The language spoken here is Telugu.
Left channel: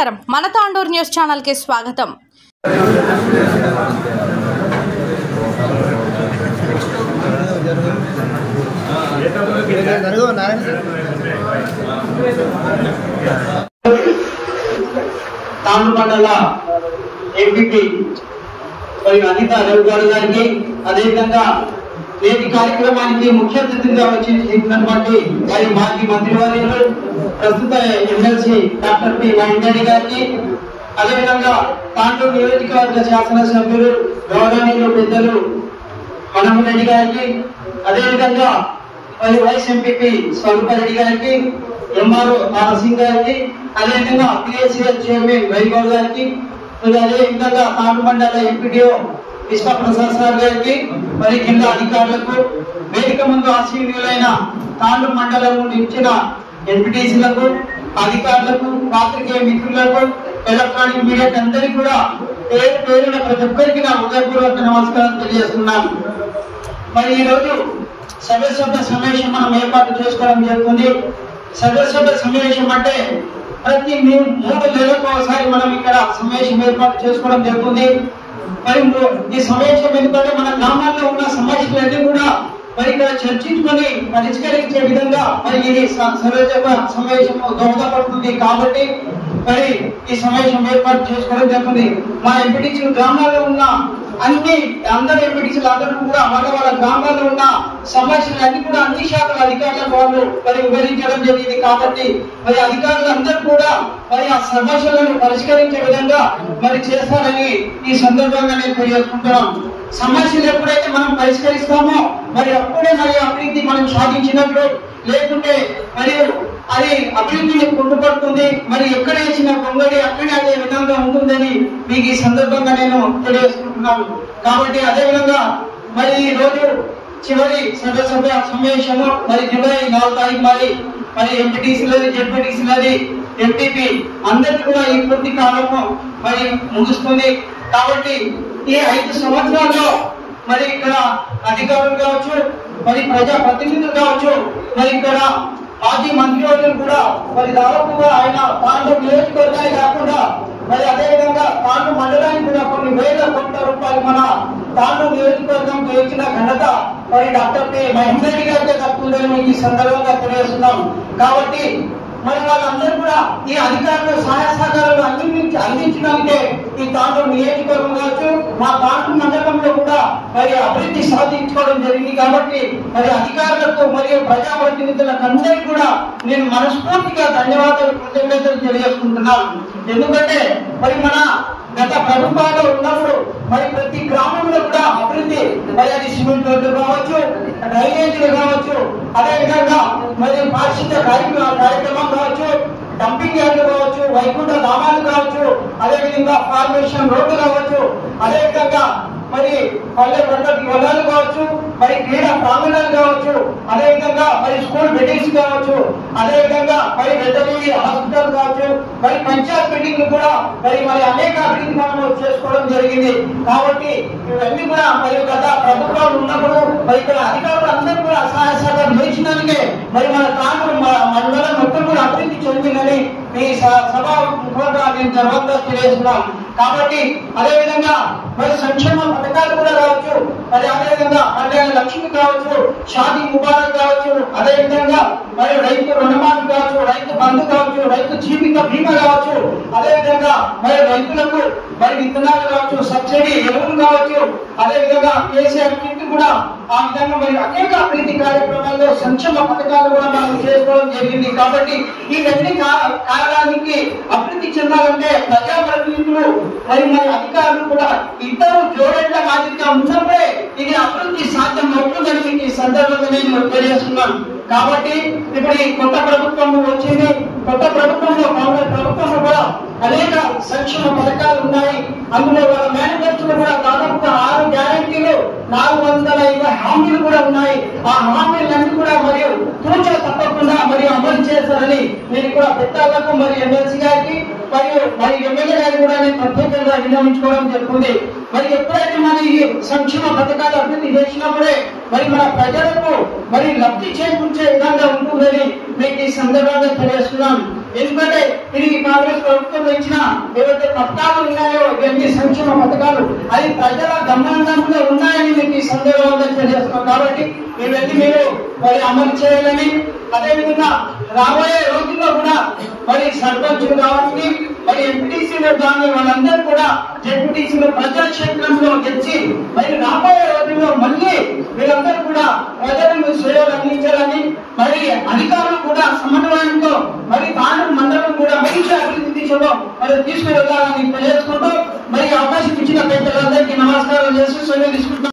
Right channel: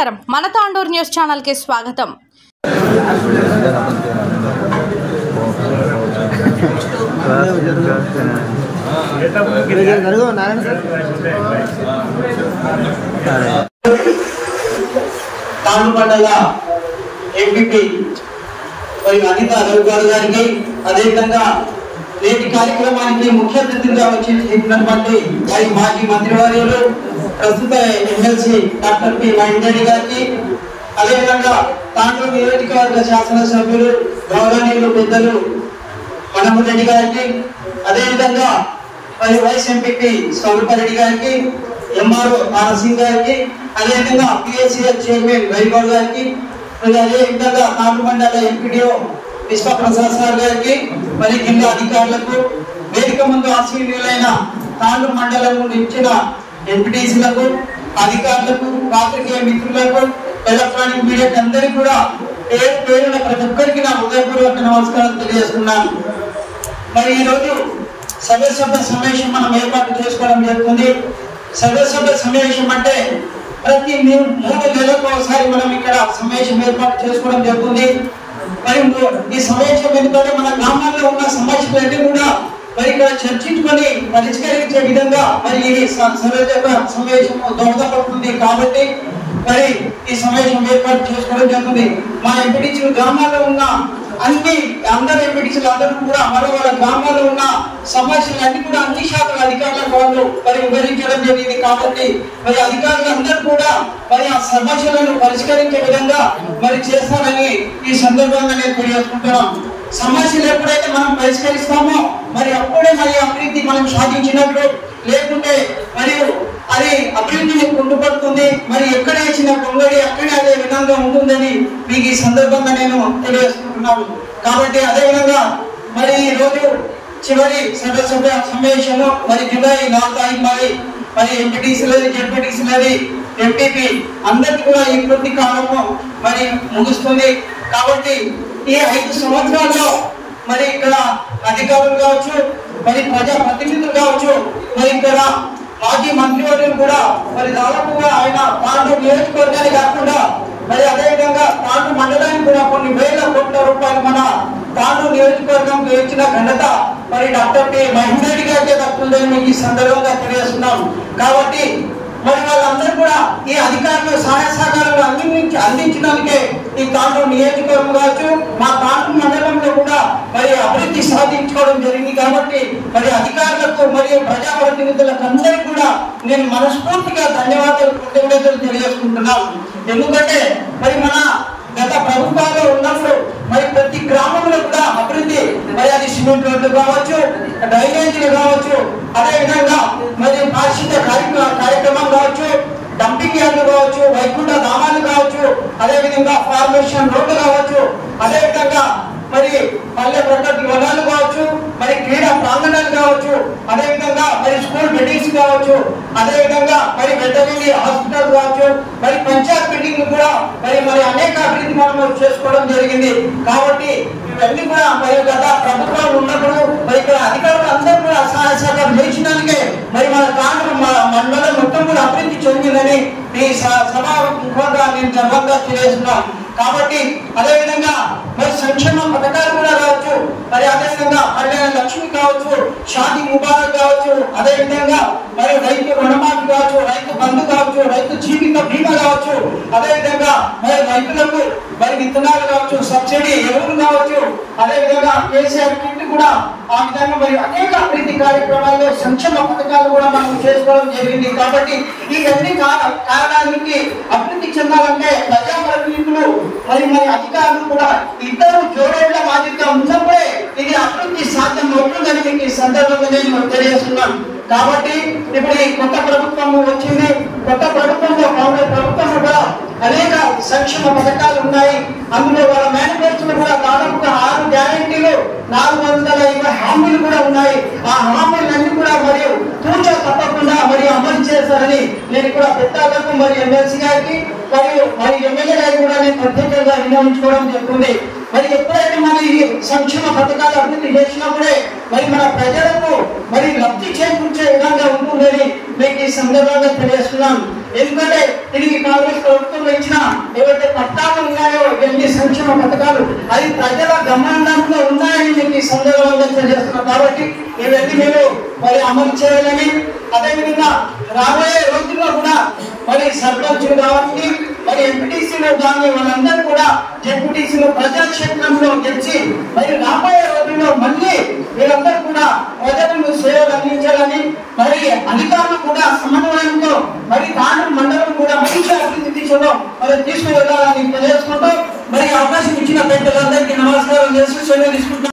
నమస్కారం, మన తాండూర్ న్యూస్ ఛానల్ కి స్వాగతం. తాండూర్ ఎంపీపీ మరియు అనిత రవిగారు గారికి, అదేవిధంగా నేటి కార్యక్రమానికి ముఖ్య అతిథిగా వచ్చినటువంటి మరియు మాజీ మంత్రివర్యులు ప్రస్తుత ఎమ్మెల్సీ డాక్టర్ పి మహేందర్ గారికి, అదేవిధంగా తాండూరు నియోజకవర్గ శాసనసభ్యులు గౌరవనీయులు పెద్దలు మనమరెడ్డి గారికి, అదేవిధంగా మరియు వైస్ ఎంపీపీ స్వరూపారెడ్డి గారికి, ఎంఆర్ఓ మానసింగ్ గారికి, అదేవిధంగా పిఎస్సిఎల్ చైర్మన్ వైగౌడ్ గారికి, అదేవిధంగా తాండూరు మండల ఎంపీడీఓ విశ్వప్రసాద్ సార్ గారికి, మరి జిల్లా అధికారులకు, వేదిక ముందు ఆశీర్యులైన తాండూరు మండలం నుండి ఇచ్చిన ఎంపీటీసీలకు, అధికారులకు, పాత్రికేయ మిత్రులకు, ఎలక్ట్రానిక్ మీడియా అందరికీ కూడా పేరు పేరున ప్రతి ఒక్కరికి నా హృదయపూర్వక నమస్కారం తెలియజేస్తున్నాను. మరి ఈరోజు సభ్య సమావేశం మనం ఏర్పాటు చేసుకోవడం జరుగుతుంది. సభ్య సమావేశం అంటే ప్రతి 3 నెలలకు ఒకసారి మనం ఇక్కడ సమావేశం ఏర్పాటు చేసుకోవడం జరుగుతుంది. మరి ఈ సమావేశం ఎందుకంటే మన గ్రామాల్లో ఉన్న సమస్యలన్నీ కూడా మరి ఇక్కడ చర్చించుకొని పరిష్కరించే విధంగా మరి ఈ సమావేశం దోహదపడుతుంది. కాబట్టి మరి ఈ సమావేశం ఏర్పాటు చేసుకోవడం జరుగుతుంది. మా ఎంపీటీసీలు గ్రామాల్లో ఉన్న అందరు ఎంపీటీసీలు అందరూ కూడా వాళ్ళ గ్రామాల్లో ఉన్న సమస్యలు కూడా అన్ని శాఖల అధికారులకు వాళ్ళు మరి వివరించడం జరిగింది. కాబట్టి మరి అధికారులు అందరూ కూడా మరి ఆ సమస్యలను పరిష్కరించే విధంగా మరి చేస్తారని ఈ సందర్భంగా నేను తెలియజేసుకుంటున్నాను. సమస్యలు ఎప్పుడైతే మనం పరిష్కరిస్తామో మరి అప్పుడే మరి అభివృద్ధి మనం సాధించినట్లు, లేకుంటే మరియు అది అభివృద్ధిని కుంటుపడుతుంది. మరి ఎక్కడ ఇచ్చిన పొంగడి అక్కడే అదే విధంగా ఉంటుందని మీకు ఈ సందర్భంగా నేను తెలియజేసుకుంటున్నాను. కాబట్టి అదేవిధంగా మరి ఈ రోజు చివరి సభ్య సమావేశంలో మరి జూలై 4 తారీఖు మరి ఎంపీటీసీలని, జెడ్పీటీసీలని, ఎంపీపీ అందరికీ కూడా ఈ పూర్తి కాలము మరి ముగుస్తుంది. కాబట్టి ఈ 5 సంవత్సరాల్లో మరి ఇక్కడ అధికారులు కావచ్చు, మరి ప్రజా ప్రతినిధులు కావచ్చు, మరి ఇక్కడ మాజీ మంత్రివర్యులు కూడా మరి దాదాపుగా ఆయన తాండూరు నియోజకవర్గాన్ని కాకుండా మరి అదేవిధంగా తాండూరు మండలానికి కూడా కొన్ని వేల కోట్ల రూపాయలు మన తాండూరు నియోజకవర్గంకి ఇచ్చిన ఘనత మరి డాక్టర్ పి మహేందర్ గారికి దక్కుతుందని మీకు ఈ సందర్భంగా తెలియజేస్తున్నాం. కాబట్టి మరి వాళ్ళందరూ కూడా ఈ అధికారులు సహాయ సహకారాలు అందించడానికే ఈ తాండూరు నియోజకవర్గం కావచ్చు, మా తాండూరు మండలంలో కూడా మరి అభివృద్ధి సాధించుకోవడం జరిగింది. కాబట్టి మరి అధికారులకు మరియు ప్రజాప్రతినిధులకు అందరికీ కూడా నేను మనస్ఫూర్తిగా ధన్యవాదాలు, కృతజ్ఞతలు తెలియజేసుకుంటున్నాను. ఎందుకంటే మరి మన గత ప్రభుత్వాలు ఉన్నప్పుడు మరి ప్రతి గ్రామంలో కూడా అభివృద్ధి, మరి అది సిమెంట్ రోడ్లు కావచ్చు, డ్రైనేజీలు కావచ్చు, అదేవిధంగా మరి పారిశుద్ధ్య కార్యక్రమం కావచ్చు, డంపింగ్ యార్డులు కావచ్చు, వైకుంఠ ధామాలు కావచ్చు, అదేవిధంగా ఫార్మేషన్ రోడ్లు కావచ్చు, అదేవిధంగా మరి పల్లె ప్రగతి వనాలు కావచ్చు, మరి క్రీడా ప్రాంగణాలు కావచ్చు, అదేవిధంగా మరి స్కూల్ బిల్డింగ్స్ కావచ్చు, అదేవిధంగా మరి వెటర్నరీ హాస్పిటల్ కావచ్చు, మరి పంచాయత్ బిల్డింగ్ కూడా మరి అనేక అభివృద్ధి మనం చేసుకోవడం జరిగింది. కాబట్టి ఇవన్నీ కూడా మరి గత ప్రభుత్వాలు ఉన్నప్పుడు మరి ఇక్కడ అధికారులు అందరూ కూడా సహాయ సహకారం చేసినానికే మరి మన తాండూరు మండలం మొత్తం కూడా అభివృద్ధి చెందిందని ఈ సభాముఖంగా నేను గర్వంగా తెలియజేస్తున్నాను. కాబట్టి అదేవిధంగా మరి సంక్షేమ పథకాలు కూడా కావచ్చు, మరి అదేవిధంగా కళ్యాణ లక్ష్మి కావచ్చు, షాదీ ముబారక్ కావచ్చు, అదేవిధంగా మరి రైతు రుణమాఫీ కావచ్చు, రైతు బంధు కావచ్చు, రైతు జీవిత బీమా కావచ్చు, అదేవిధంగా మరి రైతులకు మరి విత్తనాలు కావచ్చు, సబ్సిడీ ఎరువులు కావచ్చు, అదేవిధంగా కేసీఆర్ కిట్ కూడా ఆ విధంగా మరి అనేక అభివృద్ధి కార్యక్రమాల్లో సంక్షేమ పథకాలు కూడా మనం చేసుకోవడం జరిగింది. కాబట్టి ఇవన్నీ కారణానికి అభివృద్ధి చెందాలంటే ప్రజాప్రతినిధులు మరి అధికారులు కూడా ఇద్దరు జోడేళ్ల బాధ్యత ఉన్నప్పుడే ఇది అభివృద్ధి సాధ్యం అవుతుందని మీకు ఈ సందర్భంగా నేను తెలియజేస్తున్నాను. కాబట్టి ఇప్పుడు ఈ కొత్త ప్రభుత్వం వచ్చింది. కొత్త ప్రభుత్వంలో కాంగ్రెస్ ప్రభుత్వంలో కూడా అనేక సంక్షేమ పథకాలు ఉన్నాయి. అందులో వాళ్ళ మేనిఫెస్టోలో కూడా దాదాపుగా 6 గ్యారెంటీలు, 420 హామీలు కూడా ఉన్నాయి. ఆ హామీలన్నీ కూడా మరియు తూచా తప్పకుండా మరి అమలు చేస్తారని నేను కూడా పెద్దలకు మరి ఎమ్మెల్సీ గారికి మరి ఎమ్మెల్యే గారికి కూడా నేను ప్రత్యేకంగా వినియోగించుకోవడం జరుగుతుంది. మరి ఎప్పుడైతే మరి సంక్షేమ పథకాలు అభివృద్ధి చేసినప్పుడే మరి మన ప్రజలకు మరి లబ్ధి చేకూర్చే విధంగా ఉంటుందని మీకు ఈ సందర్భంగా తెలియజేస్తున్నాను. ఎందుకంటే తిరిగి కాంగ్రెస్ ప్రభుత్వం ఇచ్చిన ఏవైతే పట్టాలు ఉన్నాయో ఇవన్నీ సంక్షేమ పథకాలు అది ప్రజల గమనంలో ఉన్నాయని మీకు ఈ సందర్భంగా తెలియజేస్తున్నాం. కాబట్టి ఇవన్నీ మీరు మరి అమలు చేయాలని, అదేవిధంగా రాబోయే రోజుల్లో కూడా మరి సర్పంచులు కావాలి, మరి ఎంపీటీసీలు కానీ వాళ్ళందరూ కూడా జెడ్పీటీసీలు ప్రజాక్షేత్రంలో గెలిచి మరి రాబోయే రోజుల్లో మళ్ళీ వీళ్ళందరూ కూడా ప్రజలకు సేవలు అందించాలని, మరి అధికారులు కూడా సమన్వయంతో మరి తాను మండలం కూడా మంచి అభివృద్ధి దిశలో మరి తీసుకువెళ్ళాలని తెలియజేసుకుంటూ మరి అవకాశం ఇచ్చిన పెద్దలందరికీ నమస్కారం చేస్తూ సెలవు తీసుకుంటాం.